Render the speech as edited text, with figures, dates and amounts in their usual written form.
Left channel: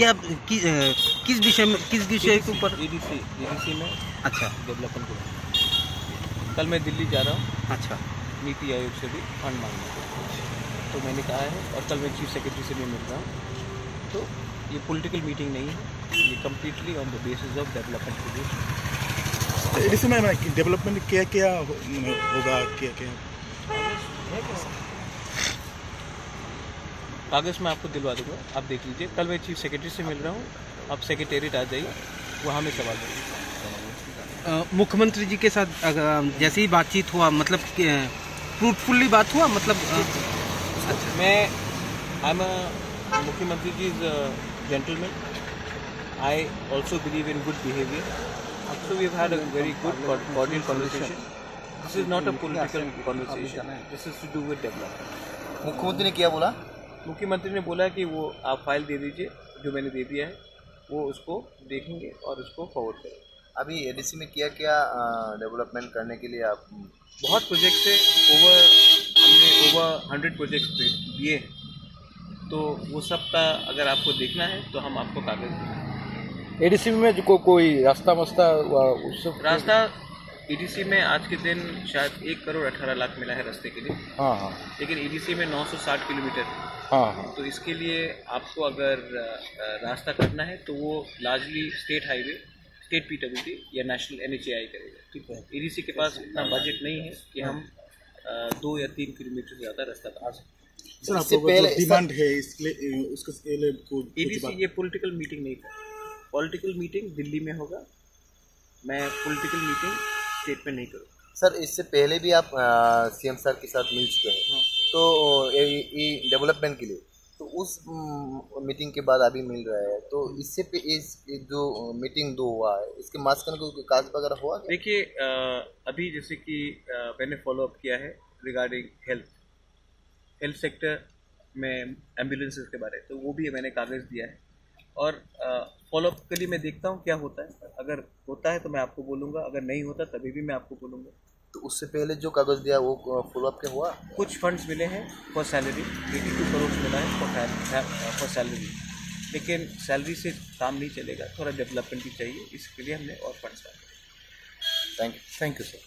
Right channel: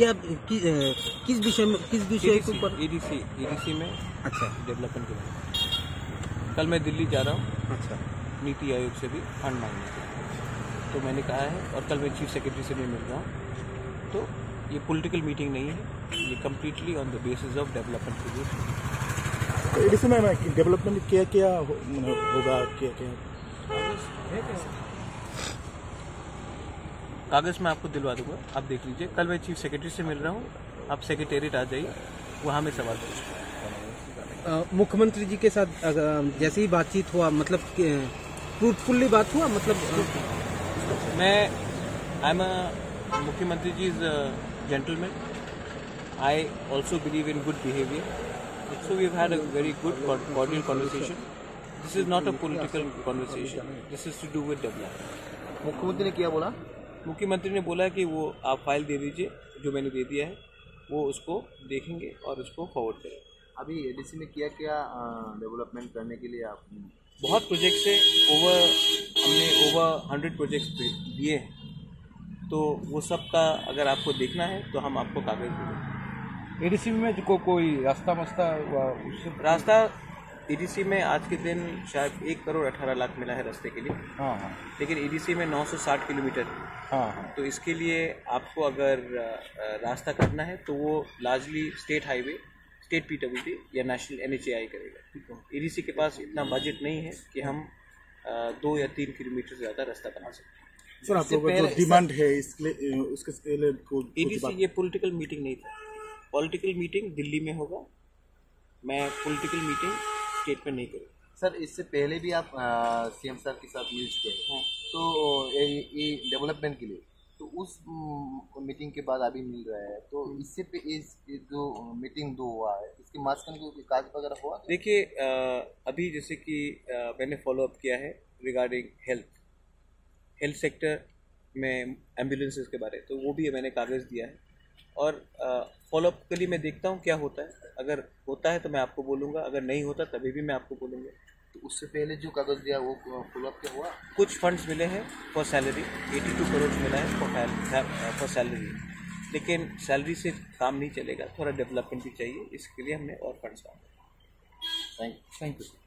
क्या किस विषय के ऊपर? EDC में अच्छा, डेवलपमेंट को। कल मैं दिल्ली जा रहा हूँ, अच्छा, नीति आयोग से भी फंड मांगने को, तो मैंने कहा है, और कल मैं चीफ सेक्रेटरी से भी मिल रहा हूँ। तो ये पॉलिटिकल मीटिंग नहीं है, ये completely on the basis of development के लिए। तो EDC में डेवलपमेंट क्या क्या होगा, क्या क्या कागज़ मैं आपको दिलवा दूंगा, आप देख लीजिए। कल मैं चीफ सेक्रेटरी से मिल रहा हूँ, आप सेक्रेटेरिएट आ जाइए, वहाँ में सवाल करिए। मुख्यमंत्री जी के साथ जैसे ही बातचीत हुआ, मतलब फ्रूटफुली बात हुआ, मतलब मैं आई एम अ मुख्यमंत्री ji is gentleman, I also believe in good behaviour, so we have had a very good cordial conversation. This is not a political conversation, this is to do with development. मुख्यमंत्री ने क्या बोला? मुख्यमंत्री ने बोला कि वो आप फाइल दे दीजिए, जो मैंने दे दिया है, वो उसको देखेंगे और उसको फॉरवर्ड करेंगे। अभी EDC में क्या क्या डेवलपमेंट करने के लिए आप? बहुत प्रोजेक्ट्स है, हमने ओवर 100 प्रोजेक्ट्स दिए हैं, तो वो सब का अगर आपको देखना है तो हम आपको कागज़ देंगे। EDC में जो कोई रास्ता रास्ता EDC में आज के दिन शायद 1 करोड़ 18 लाख मिला है रास्ते के लिए। हाँ, लेकिन EDC में 960 किलोमीटर, हाँ, तो इसके लिए आपको अगर रास्ता करना है तो वो largely state highway, state PWD या नेशनल NHAI करेगा। ठीक है, EDC के पास इतना बजट नहीं है कि हम 2 या 3 किलोमीटर से ज़्यादा रास्ता बना सकते। सर, आप लोगों का डिमांड है इसलिए उसके लिए EDC ये पॉलिटिकल मीटिंग नहीं था, पॉलिटिकल मीटिंग दिल्ली में होगा, मैं पॉलिटिकल मीटिंग स्टेट में नहीं करूँगा। सर, इससे पहले भी आप CM सर के साथ मिल चुके हैं। हाँ। तो ये डेवलपमेंट के लिए, तो उस मीटिंग के बाद अभी मिल रहा है, तो इससे पे इस जो मीटिंग 2 हुआ है, इसके मास्क को काज वगैरह हुआ? देखिए, अभी जैसे कि मैंने फॉलो अप किया है रिगार्डिंग हेल्थ सेक्टर में एम्बुलेंसेस के बारे, तो वो भी मैंने कागज़ दिया है, और फॉलोअप के लिए मैं देखता हूँ क्या होता है। अगर होता है तो मैं आपको बोलूँगा, अगर नहीं होता तभी भी मैं आपको बोलूँगा। तो उससे पहले जो कागज़ दिया वो फॉलोअप के हुआ? कुछ फंड्स मिले हैं फॉर सैलरी, 82 करोड़ मिला है फॉर सैलरी, लेकिन सैलरी से काम नहीं चलेगा, थोड़ा डेवलपमेंट भी चाहिए, इसके लिए हमने और फंड्स डाले। Thank you sir.